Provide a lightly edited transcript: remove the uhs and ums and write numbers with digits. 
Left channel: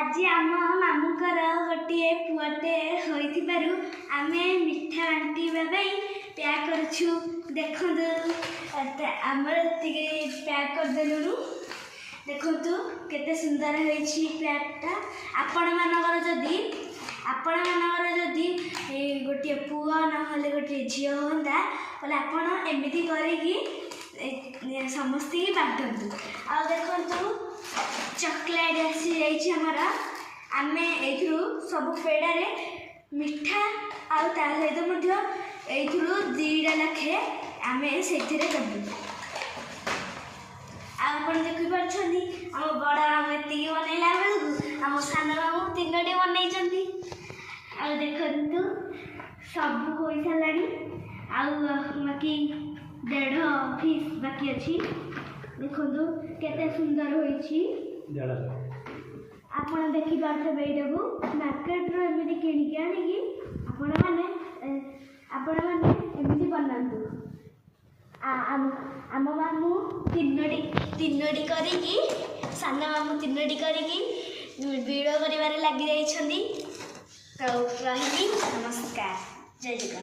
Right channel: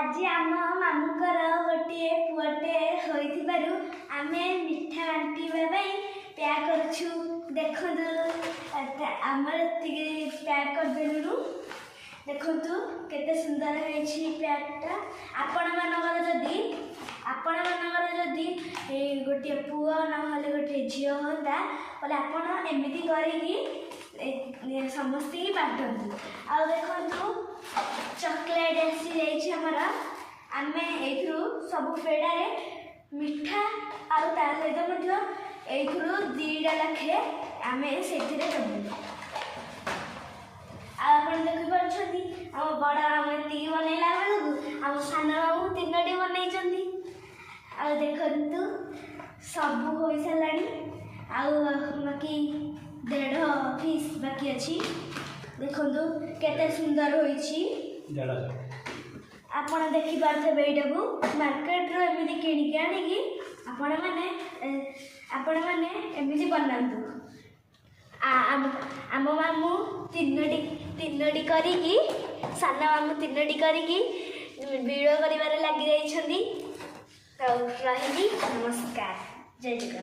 आज आम मामूकर गोटे पुअटे होइथिबारु आमे मिठा बांटीबा पैक करछु। देखंतु आमर पैक कर देलुनु। देखंतु केते सुंदर होइछि पैकटा। आपण मानकर जदि गोटे पुआ नहले गोटे झियो होंदा बोले आपण एमिति करिकी समस्त की बांटंतु। आ देखंतु चॉकलेट आसी जाइछि हमरा। आमे एथुरु सब पेड़ारे मिठा आ ता सहित मध्य एथुरु 2टा लाखे आमे सेथिरे देबु। आपण देखि परछन्ती हम बड़ा मामू एति बनैला बेलकु हम सान मामू 3टी बनैछन्ती। आ देखंतु सब होई सालानी। आ बाकी 1.5 पीस बाकी अछि। देखंतु केते सुंदर होइछि। आपण देखि पारथबे एटाकू मार्केट रो एमिति किनि के आनी आपण माने एमिति बनांतु। आम मामू 3टी करिकी सान मामू 3टी करिकी वीडियो करिवारे लागि जाइछन्ती। तो रहिली नमस्कार जय जगन्नाथ।